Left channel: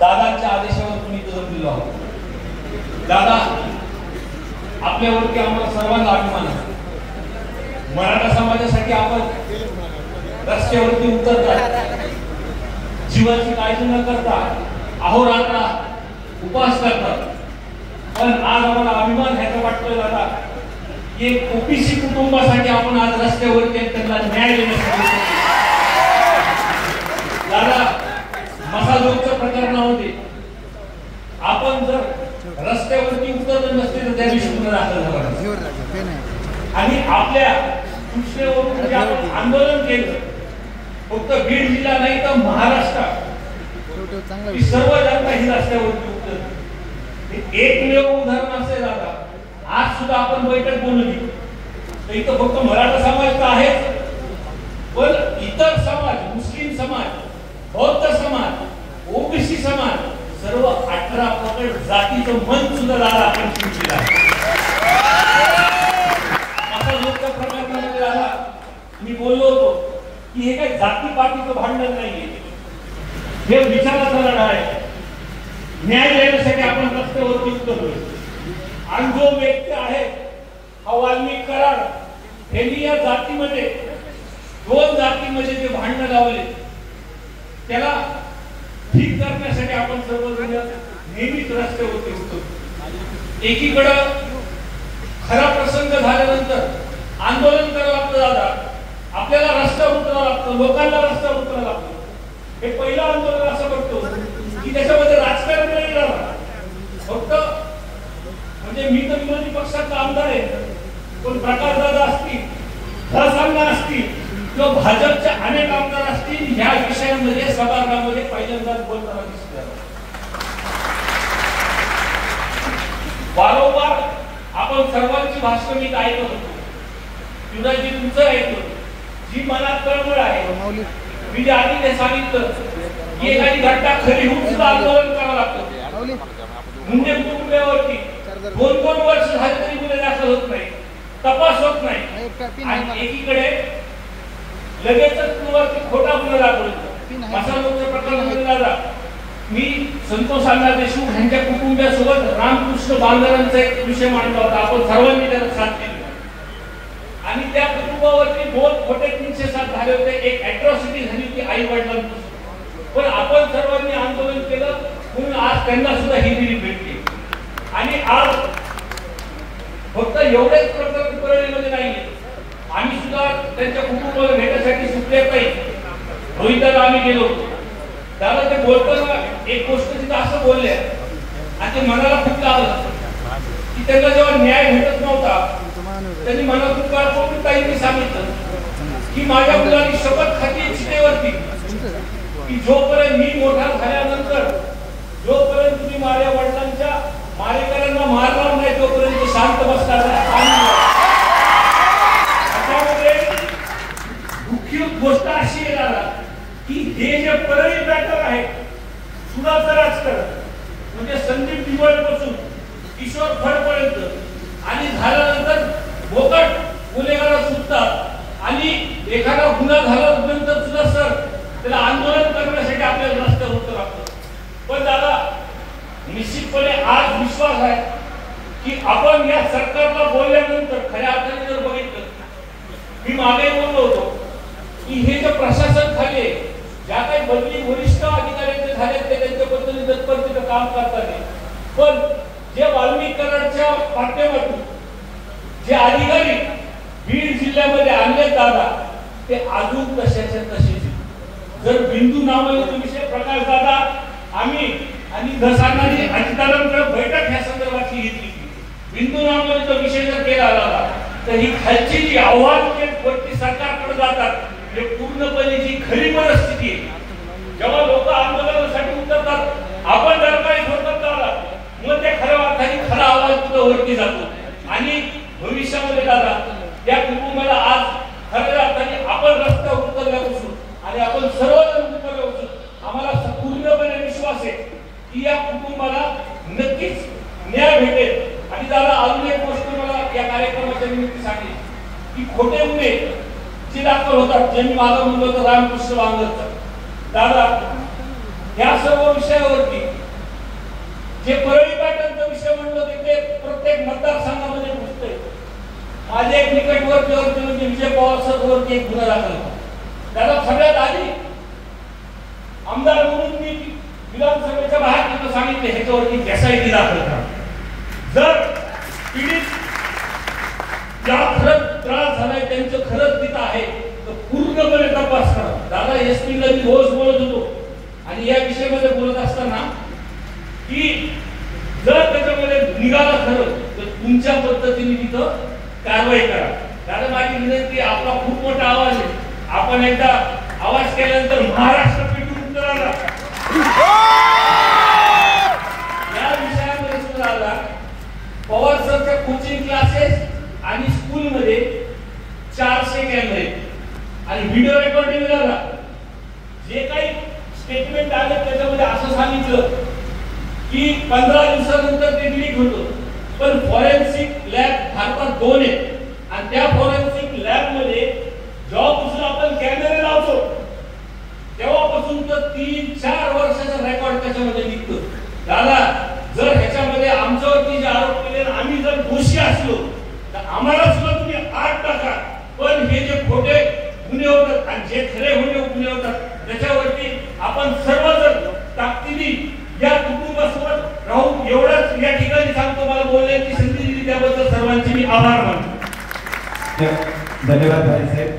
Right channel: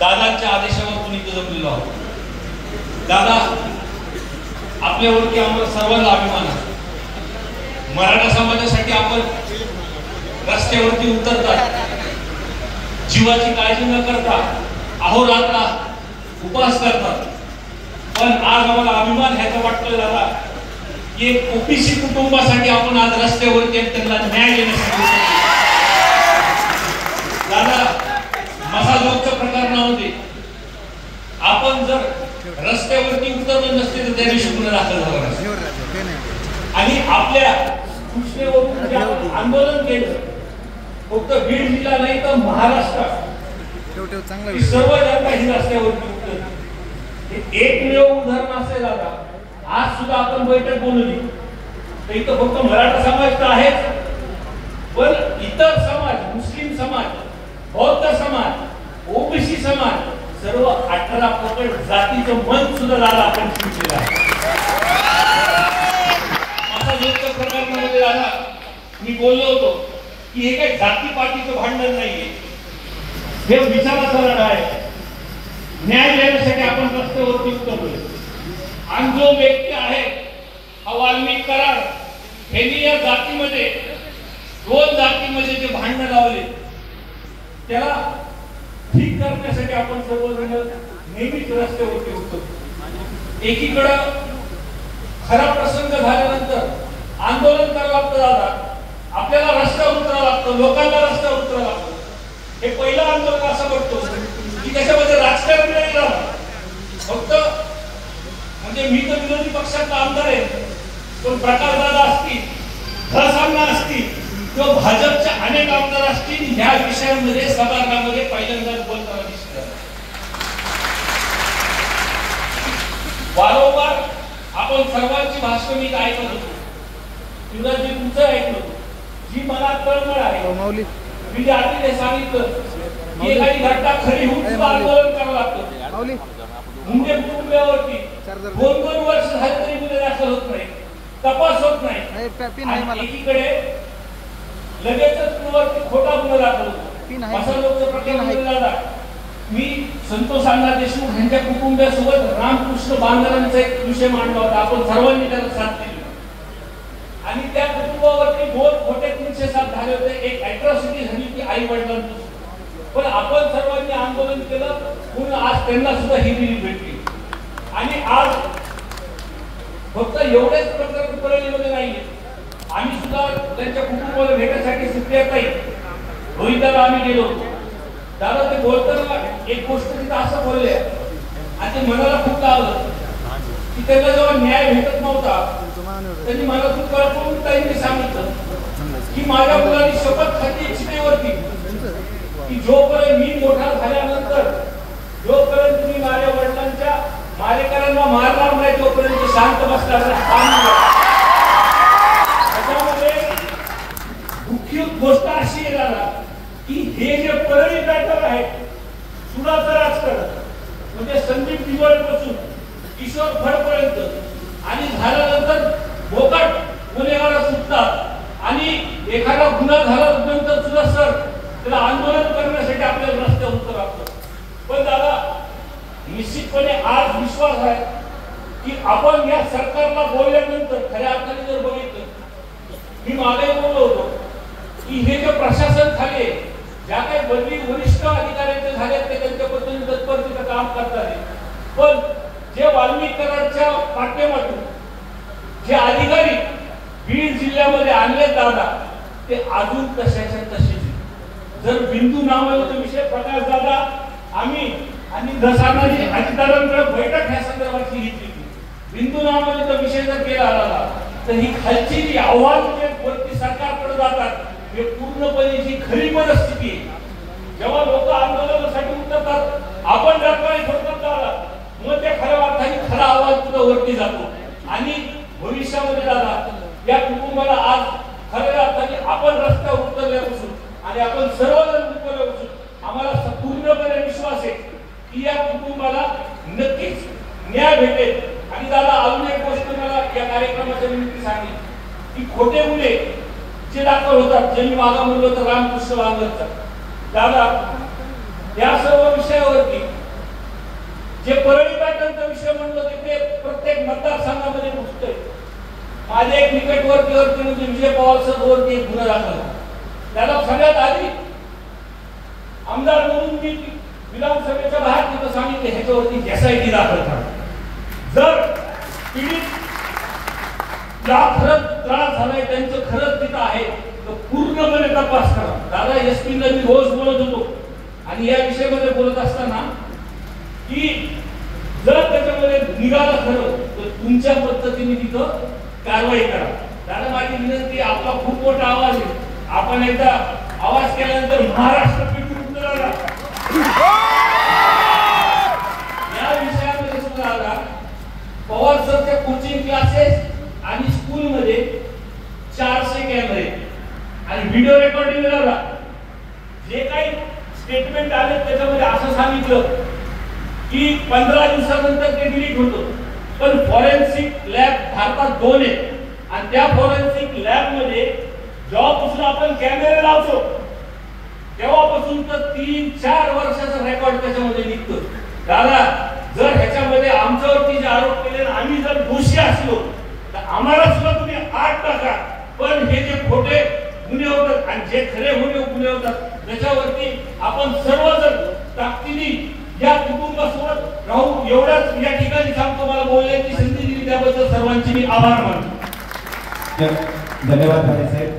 दादांच्या आदेशावर इथं जमलेलो आहोत। दादा, आपल्यावरती आम्हाला सर्वांना अभिमान आहे। मराठा समाजासाठी आपण रस्त्यावरती उतरतात, जीवाची काळजी न करता अहोरात्र उपवास करतात। पण आज आम्हाला अभिमान ह्याचा वाटतोय दादा की ओबीसी कुटुंबासाठी आपण आज रस्त्यावरती त्यांना न्याय देण्यासाठी दादा मसाजोगच्या प्रकरणामध्ये आपण जर रस्त्यावरती उतरले नसते तर त्या दिवशी गुन्हा दाखल झाला आणि आपल्या सूचनेवरून आंदोलन केलं। फक्त बीड जिल्हा नाही तर महाराष्ट्रात सर्व जनता ही रस्त्यावरती उतरली। एकमेव उदाहरण असेल दादा, आज सुद्धा आपण बैठक बोलवली इथं फक्त मराठा समाज तर आहेच, पण इतर समाज, मुस्लिम समाज, बौद्ध समाज, ओबीसी समाज, सर्व 18 पकड जातीचं मन सुद्धा दादा आपण शिकलेलं आहे। माझा लोकच्या प्रकरणामध्ये दादा मी बोललो होतो की हे काही जातीपातीचं भांडण नाहीये, हे विचाराचा लढा आहे। न्याय देण्यासाठी आपण रस्त्यावर उतरलोय आणि जो व्यक्ती आहे हा वाल्मिक कराड यांनी या जातीमध्ये दोन जातीमध्ये जे भांडण लावले त्याला ठीक करण्यासाठी आपण सर्वजण नेहमीच रस्त्यावरती उतरतो। एकीकडे खरा प्रसंग झाल्यानंतर आंदोलन करावं लागतं दादा, आपल्याला रस्त्यावर उतरावं लागतं, लोकांना रस्त्यावर उतरावं लागतं। हे पहिलं आंदोलन असं बघतो की त्याच्यामध्ये राजकारण नाही झालं, फक्त म्हणजे मी तर विरोधी पक्षाचा आमदार आहे, पण प्रकाश दादा असतील, धसामना असतील किंवा भाजपच्या अनेक आमदार असतील ह्या विषयामध्ये सभागृहामध्ये पहिल्यांदाच बोलताना दिसतात। वारंवार आपण सर्वांची भाषण मी ऐकत होतो, युवराजजी तुमचं ऐकलं, जी मनात तळमळ आहे मी जे आधी सांगितलं की एखादी घटना खरी होऊन सुद्धा आंदोलन करावं लागतं। म्हणजे कुटुंबावरती 2-2 वर्ष झाले तरी गुन्हे दाखल होत नाही, तपास होत नाही, एकीकडे लगेचच कुणावरती खोटा गुन्हा दाखल होतो। अशा लोक प्रकरण मी संतोष अण्णा देशमुख यांच्या कुटुंबासोबत रामकृष्ण बांधरांचा एक विषय मांडला होता, आपण सर्वांनी त्याला साथ दिली आणि त्या कुटुंबावरती 2 खोटे 307 झाले होते, एक अॅट्रॉसिटी झाली होती आई वडिलांची, पण आपण सर्वांनी आंदोलन केलं म्हणून आज त्यांना सुद्धा ही दिली भेटली। आणि आज फक्त एवढेच प्रकरण परळीमध्ये नाहीये, आम्ही सुद्धा त्यांच्या कुटुंबाला भेटण्यासाठी सुप्रियाताई रोहितला आम्ही गेलो होतो। दादा ते बोलताना एक गोष्ट तिथं असं बोलले आणि ते मनाला खूप लागलं की त्यांना जेव्हा न्याय भेटत नव्हता त्यांनी मला खूप काळपून काही सांगितलं की माझ्या मुलांनी शपथ खाती चितेवरती की जोपर्यंत मी मोठा झाल्यानंतर जोपर्यंत तुम्ही माझ्या वडिलांच्या मारेकऱ्यांना मारणार नाही तोपर्यंत शांत बसणार नाही। मुख्य गोष्ट अशी येणार की हे जे परळी बॅटर आहे सुडाचं राजकारण म्हणजे संदीप दिवाळीपासून किशोर फडपर्यंत आणि झाल्यानंतर बोकट गुन्हेगार सुटतात आणि एखादा गुन्हा झाल्यानंतर सुद्धा सर त्याला आंदोलन करण्यासाठी आपल्याला रस्त्यावर उतरावं लागतं। पण दादा निश्चितपणे आज विश्वास आहे की आपण या सरकारला बोलल्यानंतर खऱ्या अर्थाने जर बघितलं, मी मागे बोललो होतो की हे जे प्रशासन खाली ज्या काही बदली वरिष्ठ अधिकाऱ्यांचे झाले ते त्यांच्या पद्धतीने तत्परतेचं काम करतात, पण जे वाल्मिक कराडच्या माध्यमातून जे अधिकारी बीड जिल्ह्यामध्ये आणले दादा ते अजून तशाच्या तसेच। जर बिंदू नावाचा विषय प्रकाश दादा आम्ही आणि दसांनी अधिकाऱ्यांकडे बैठक ह्या संदर्भातली घेतली, बिंदू नावाचा विषय जर केला आला तर ही खालची जी आव्हान वरती सरकारकडे जातात हे पूर्णपणे जी खरी परिस्थिती आहे। जेव्हा लोक आंदोलनासाठी उतरतात आपण जर काही सोडत झाला मग ते खऱ्या अर्थाने खरा आवाज सुद्धा वरती जातो आणि भविष्यामध्ये दादा या कुटुंबाला आज खऱ्या अर्थाने आपण रस्त्यावर उतरल्यापासून आणि आपण सर्वजण उतरल्यापासून आम्हाला पूर्णपणे विश्वास आहे की या कुटुंबाला नक्कीच न्याय भेटेल। आणि दादा अजून एक गोष्ट मला या कार्यक्रमाच्या निमित्त सांगली की खोटे गुन्हे जे दाखल होतात, ज्यांनी मागं म्हणलं होतं रामकृष्ण बांधरचा दादा, या सर्व विषयावरती जे परळी पॅटर्नचा विषय म्हणलो ते प्रत्येक मतदारसंघामध्ये घुसतंय. माझे एक निकटवर्ती म्हणजे विजय पवार सर वरती एक गुन्हा दाखल, त्याला सगळ्यात आधी आमदार म्हणून मी विधानसभेच्या बाहेर तिथं सांगितले ह्याच्यावरती एसआयटी दाखल करा. जर पीडित ज्या खरंच त्रास झालाय त्यांचं खरंच तिथं आहे तर पूर्णपणे तपास करा. दादा एसपी ला मी रोज बोलत होतो आणि या विषयामध्ये बोलत असताना की जर त्याच्यामध्ये निघालं खरं तर तुमच्या पद्धतीने तिथं कारवाई करा. दादा माझी विनंती, आपला खूप मोठा आवाज आहे, आपण एकदा आवाज केल्यानंतर महाराष्ट्र पेटून उतराला. या विषयामध्ये सुद्धा आला पवार सरचे कोचिंग क्लासेस आणि स्कूलमध्ये 400 कॅमेरे आणि व्हिडिओ रेकॉर्डिंग झाला. जे काही स्टेटमेंट आले त्याच्यामध्ये असं सांगितलं की 15 दिवसानंतर ते डिलीट होतं, पण फॉरेन्सिक लॅब भारतात 2 आहेत आणि त्या फॉरेन्सिक लॅब मध्ये जेव्हापासून आपण कॅमेरे लावतो तेव्हापासून तर 3-4 वर्षाचा रेकॉर्ड त्याच्यामध्ये निघतो. दादा जर ह्याच्यामध्ये आमच्यावरती जे आरोप केले आम्ही जर दोषी असलो तर आम्हाला सुद्धा तुम्ही 8 टाका, पण हे जे खोटे गुन्हे होतात आणि जे खरे गुन्हे होतात त्याच्यावरती आपण सर्वजण ताकदीने या कुटुंबासोबत राहू. एवढंच या ठिकाणी सांगतो. मला बोलण्याची संधी दिली त्याबद्दल सर्वांचे मी आभार मानतो. धन्यवाद.